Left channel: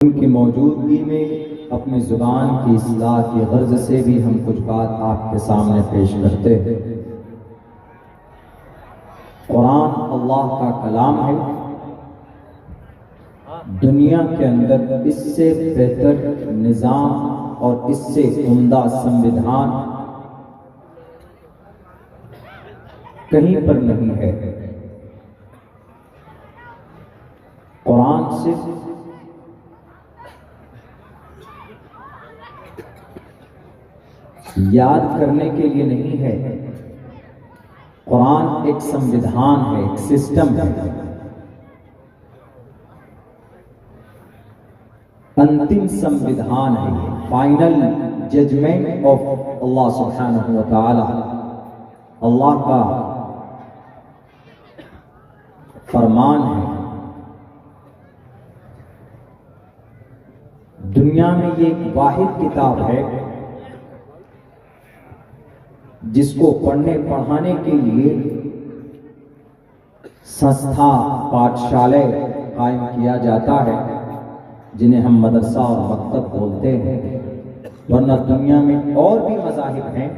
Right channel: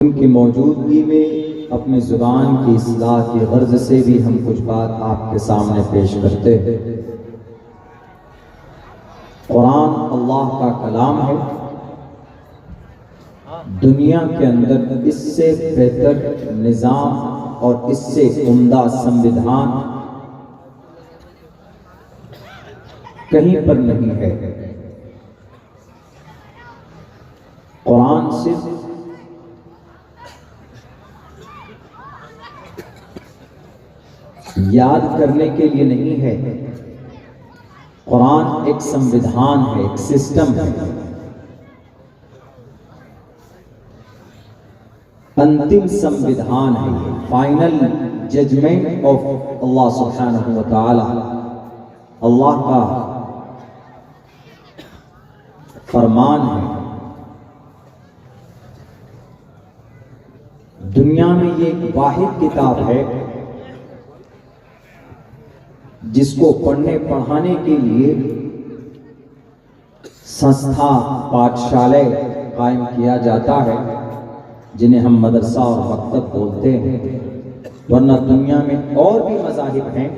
उनकी मौजूदगी में अपनी ज़ुबान की इस्लाह की गर्ज से भी हम कुछ बात आपके सामने पेश करते हैं। कुरान अल्लाह का कलाम है। दुनिया के अंदर इससे बेहतर निज़ाम और इससे उम्दा संविधान कहीं पर नहीं है। कुरान सिर्फ याद करने के लिए नहीं है, कुरान एक संविधान है, एक सिस्टम है। अंतिम संविधान है, फाइनल जजमेंट ऑफ अल्लाह सुब्हानहू व तआला। अल्लाह का फरमान है। दुनिया में ये एक वाहिद किताब है जिसको पढ़ने पढ़ाने के लिए संस्था पाठशाला कायम किया जाता है, जिन्हें हम मदरसा और मकतब बोलते हैं। वरना दुनिया में और भी मज़ाहिब हैं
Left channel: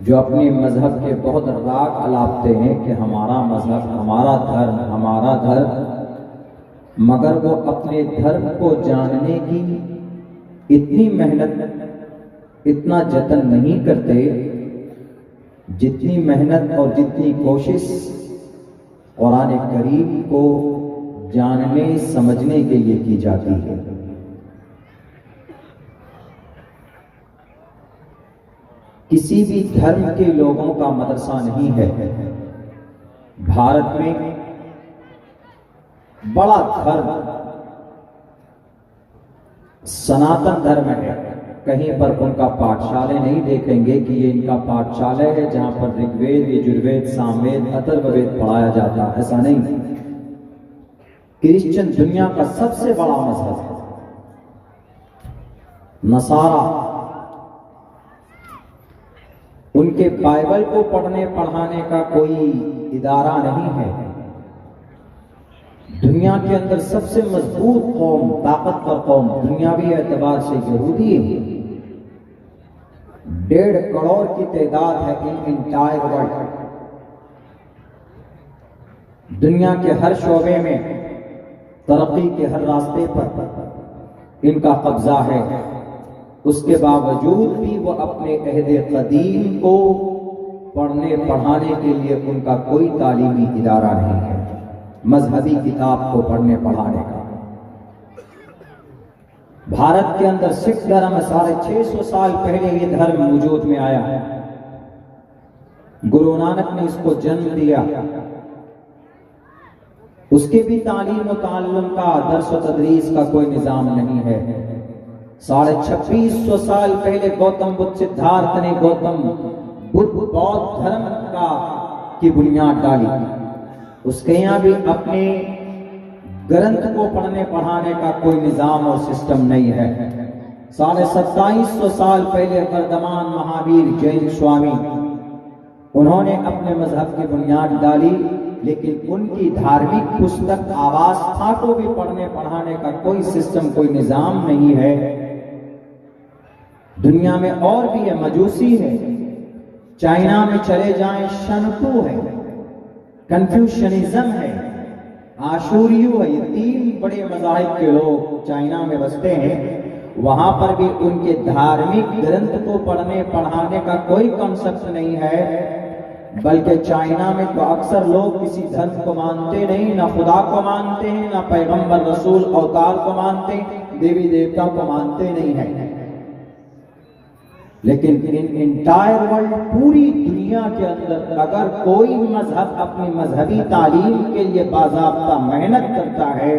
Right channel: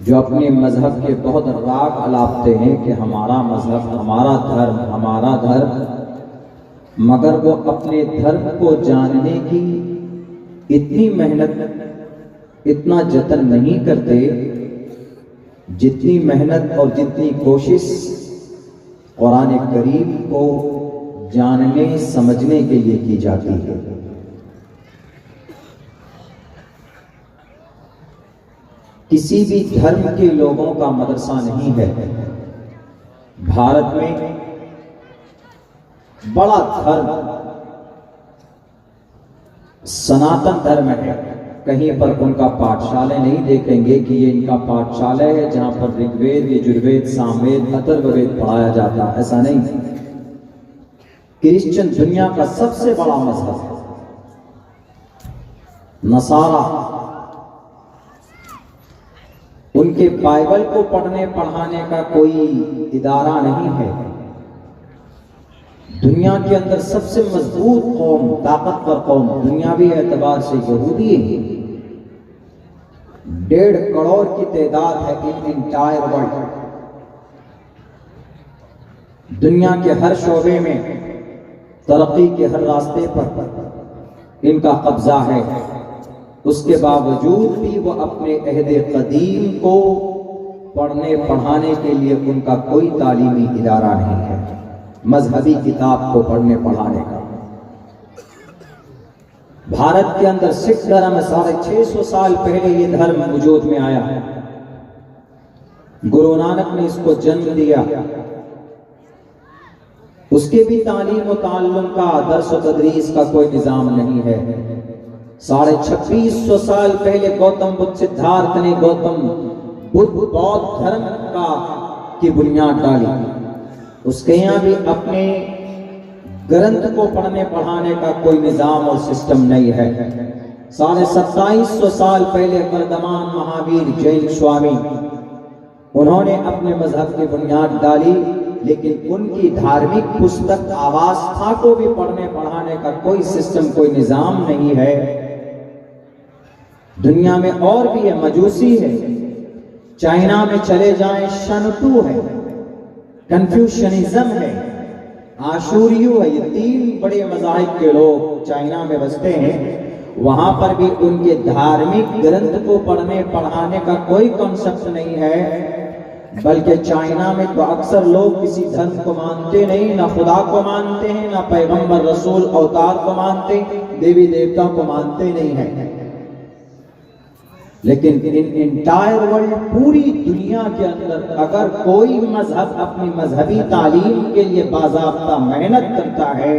जो अपने मजहब के बहुत राग अलापते हैं कि हमारा मजहब, हमारा धर्म, हमारा धर्म, मगर वो अपने धर्म को जानने की इतनी मेहनत, इतना जतन नहीं करते जितनी मेहनत और जितनी कोशिश कुरान करीम को जानने समझने के लिए की जाती है। किसी भी धर्म के लोगों का मदरसा नहीं है। भारत में बड़ा धर्म सनातन धर्म है। कहीं पर उनका पाठशाला नहीं देखेंगे कि ये इनका पाठशाला है जहां पर ऋग्वेद, यजुर्वेद, सामवेद, अथर्ववेद पढ़ाया जाता है, ऐसा नहीं। क्रिश्चियन दुनिया का सबसे बड़ा मजहब है। नसारा उनके बाइबल को पढ़ने पढ़ाने का कोई इदारा नहीं है। दुनिया के अंदर सबसे मजबूत कौम, ताकतवर कौम दुनियावी एतबार से यहूदी है। 1.5 करोड़ की तादाद है इन इंटायर वर्ल्ड। दुनिया के हर शोबे में, तरक्की के हर रास्ते पर इनका कब्जा है। उसके बावजूद भी वो अपने अहदे कदीम को पढ़ने पढ़ाने के लिए उनका कोई तालीमी इदारा नहीं है, मजहबी किताब को पढ़ने पढ़ाने का। भारत के अंदर सिख धर्म 650 साल पहले ये धर्म वजूद में आया है। गुरु नानक ने इसको जन्म दिया। उसके भी तालीम और ताल्लुम का, दर्स और तदरीस का कोई निजाम नहीं है। 2650 साल पहले गौतम बुद्ध, सिद्धार्थ ने गौतम बुद्ध बौद्ध धर्म का की बुनियाद डाली। उसके यहाँ भी अपने ग्रंथ को पढ़ने पढ़ाने का कोई निजाम और सिस्टम नहीं है। 2750 साल पहले वर्धमान महावीर जैन स्वामी, उन्होंने अपने मजहब की बुनियाद डाली, लेकिन उनकी धार्मिक पुस्तक आवस्था को भी पढ़ने पढ़ाने का कोई सिस्टम, कोई निजाम नहीं है। दुनिया में और भी है, मजूसी है। चाइना में चले जाएं, शनतू है, कन्फ्यूशनिज्म है, आशूरियू है। ये 3 बड़े मज़ाहिब के लोग चाइना में बसते हैं। वहां पर भी उनके धार्मिक ग्रंथ को पढ़ने पढ़ाने का कोई कॉन्सेप्ट नहीं है। बल्कि चाइना में तो अक्सर लोग किसी धर्म को मानते नहीं, ना खुदा को मानते हैं, ना पैगंबर रसूल अवतार को मानते, देवी देवता को मानते नहीं है। लेकिन इन इंटायर वर्ल्ड, पूरी दुनिया के अंदर अगर कोई मजहब अपनी मजहबी तालीम के लिए बाज़ाब्ता मेहनत करता है,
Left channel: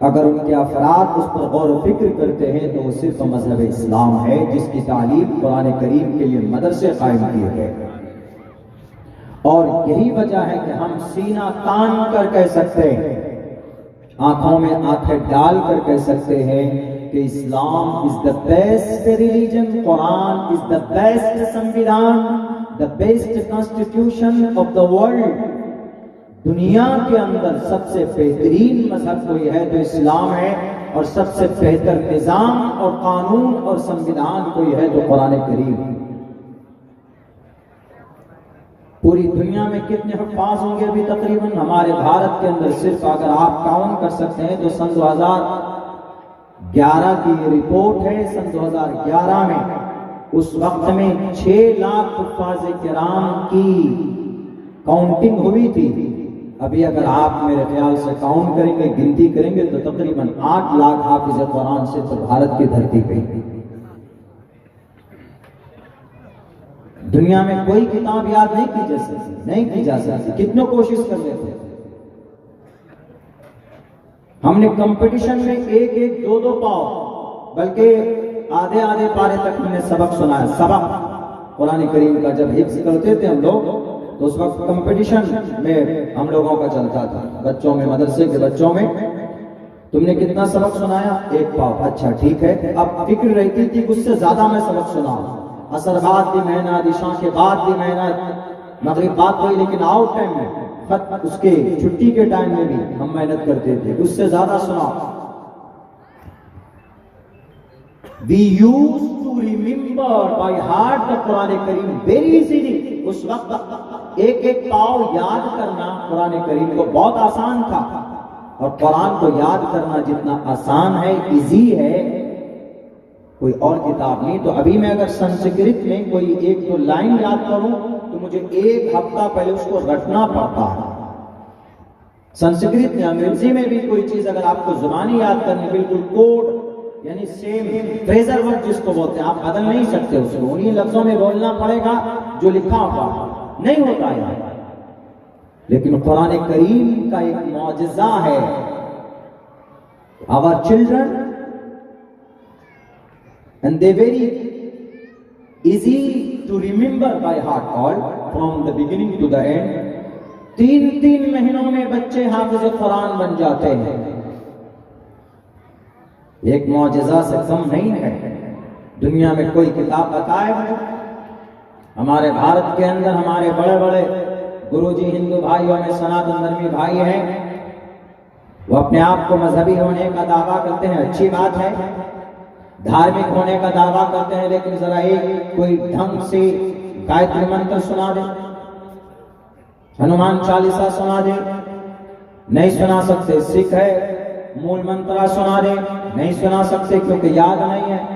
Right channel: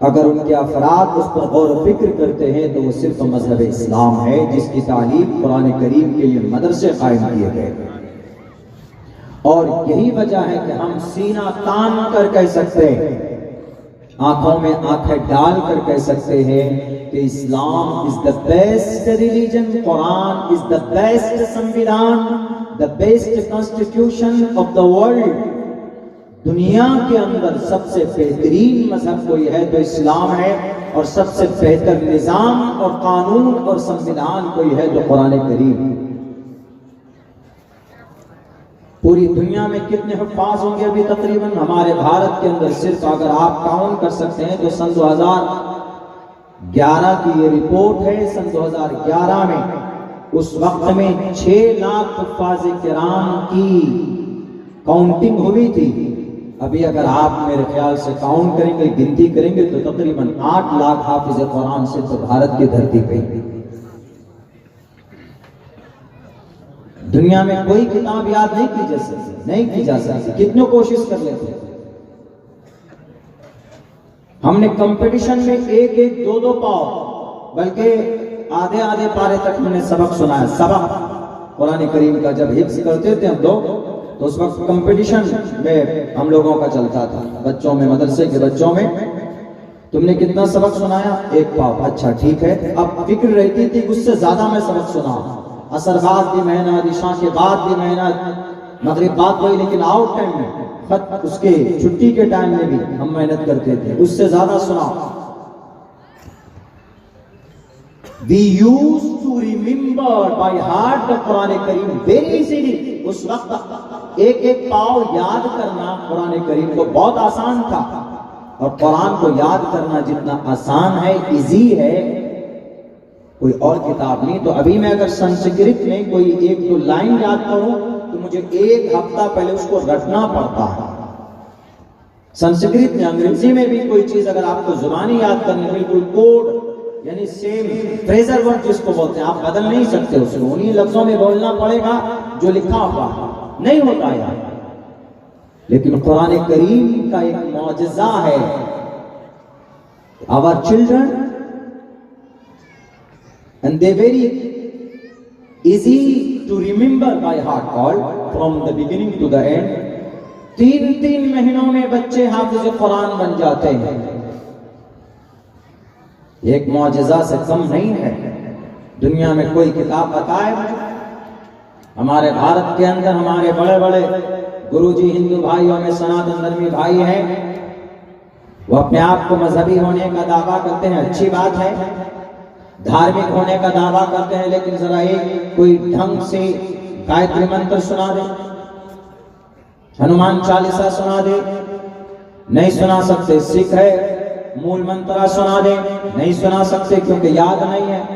अगर उनके अफराद उस पर गौर व फिक्र करते हैं, तो वो सिर्फ मजहब इस्लाम है, जिसकी तालीम कुरान करीम के लिए मदरसे कायम किए गए। और यही वजह है कि हम सीना तान कर कह सकते हैं, आंखों में आंखें डाल कर कह सकते हैं कि Islam is the best religion, Quran is the best संविधान, the best constitution of the world. दुनिया के अंदर सबसे बेहतरीन मजहब कोई है तो इस्लाम है। और सबसे बेहतर निजाम और कानून और संविधान कोई है तो कुरान करीम। पूरी दुनिया में कितने हुफ़ाज़ होंगे अभी तकरीबन? हमारे भारत के अंदर सिर्फ अगर आप काउंट कर सकते हैं तो सन 2011 की ये रिपोर्ट है। सन 2011 में उस वक्त में 6 लाख हुफ़ाज़ किराम की काउंटिंग हुई थी। अभी अगर आप मेरे ख्याल से काउंट करेंगे, गिनती करेंगे तो तकरीबन 8 लाख हाफिज कुरान सिर्फ भारत की धरती पे। दुनिया में कोई किताब याद नहीं की जा सकती, कितनी कोशिश कर लेते। हमने कंपटीशन में 1-1, 2-2 पाव, बल्कि आधे पारे तक हमने सबक सुनाया। सबक कुरान करीम का जब हिफ्ज़ करते थे हम लोग तो उस वक्त कंपटीशन में हम लोगों का चलता था, बच्चों में, मदरसे के बच्चों में। तुमने कितना सबक सुनाया? 1 पाव। अच्छा ठीक है। अब फिक्र रहती थी उससे ज्यादा मैं सबक सुनाऊं। असर बाद भी मेहनत, इशा के बाद भी मेहनत, मगरिब बाद वही, लेकिन आउट टाइम में, खत उसके छुट्टी के टाइम में भी हम मेहनत करते थे, उससे ज्यादा सुनाओ। We used to remember by heart the Quran Karim very easily। उस वक्त 1-1 पाव याद करना कुरान करीम को बहुत आसान था। और कुरान को याद करना जितना आसान है, इजी है, कोई और किताब नहीं। तो अभी मैं अगर संस्कृत में कोई 1-2 लाइन याद करूं तो मुझे 1 हफ्ता पहले उसको रटना पड़ता है। संस्कृत में, अंग्रेजी में भी कोई चीज अगर आपको जुबानी याद करनी, बिल्कुल कोड यानी सेम फ्रेजर वर्ड जिसको बोलते हैं, आप बदल नहीं सकते उसको, उन्हीं लफ्जों में बोलना पड़ेगा जो लिखा हुआ, नहीं होता यार। लेकिन कुरान करीम का एक मौजज़ा है। Our children and they very easy to remember by heart, all from the beginning to the end। 3 महीनों में बच्चे हाफिज कुरान बन जाते हैं। एक मौजज़ा से कम नहीं है। दुनिया में कोई किताब बताए मुझे? हमारे भारत के अंदर हमारे बड़े बड़े गुरुजी हिंदू भाइयों में सनातन धर्मी भाई हैं, वो अपने आप को मजहबी होने का दावा करते हैं, अच्छी बात है, धार्मिक होने का दावा करते हैं, लेकिन जरा एक कोई ढंग से गायत्री मंत्र सुना दे, हनुमान चालीसा सुना दे, नहीं सुना सकते। सिख है, मूल मंत्र सुना दे, नहीं सुना सकते क्योंकि याद नहीं है,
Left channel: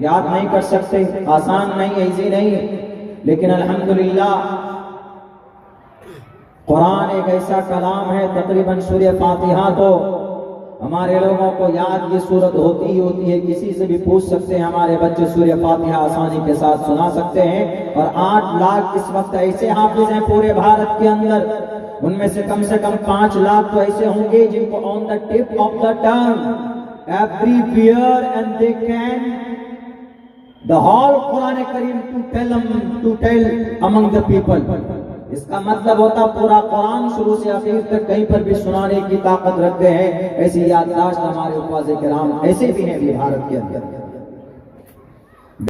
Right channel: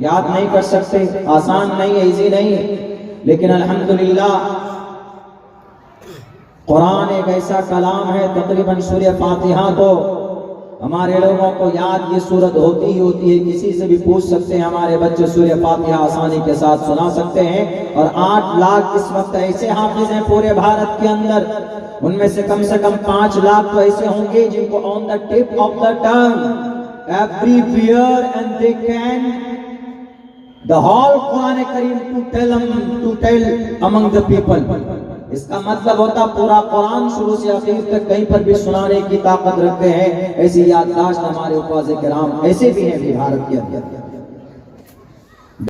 याद नहीं कर सकते, आसान नहीं है, इजी नहीं है। लेकिन अल्हम्दुलिल्लाह कुरान एक ऐसा कलाम है, तकरीबन सूरह फातिहा तो हमारे लोगों को याद ये सूरत होती ही होती है। किसी से भी पूछ सकते हैं, हमारे बच्चे सूरह फातिहा आसानी के साथ सुना सकते हैं। और 8 लाख इस वक्त ऐसे हाफिज हैं पूरे भारत के अंदर, उनमें से कम 5 लाख तो ऐसे होंगे जिनको on the tip of the tongue everywhere and they can the whole Quran Kareem to tell among the people. इसका मतलब होता पूरा कुरान शुरू से आखिर तक कहीं पर भी सुनाने की ताकत रखते हैं। ऐसी याददाश्त हमारे उस्ताद किराम ऐसे भी हैं भारत के अंदर।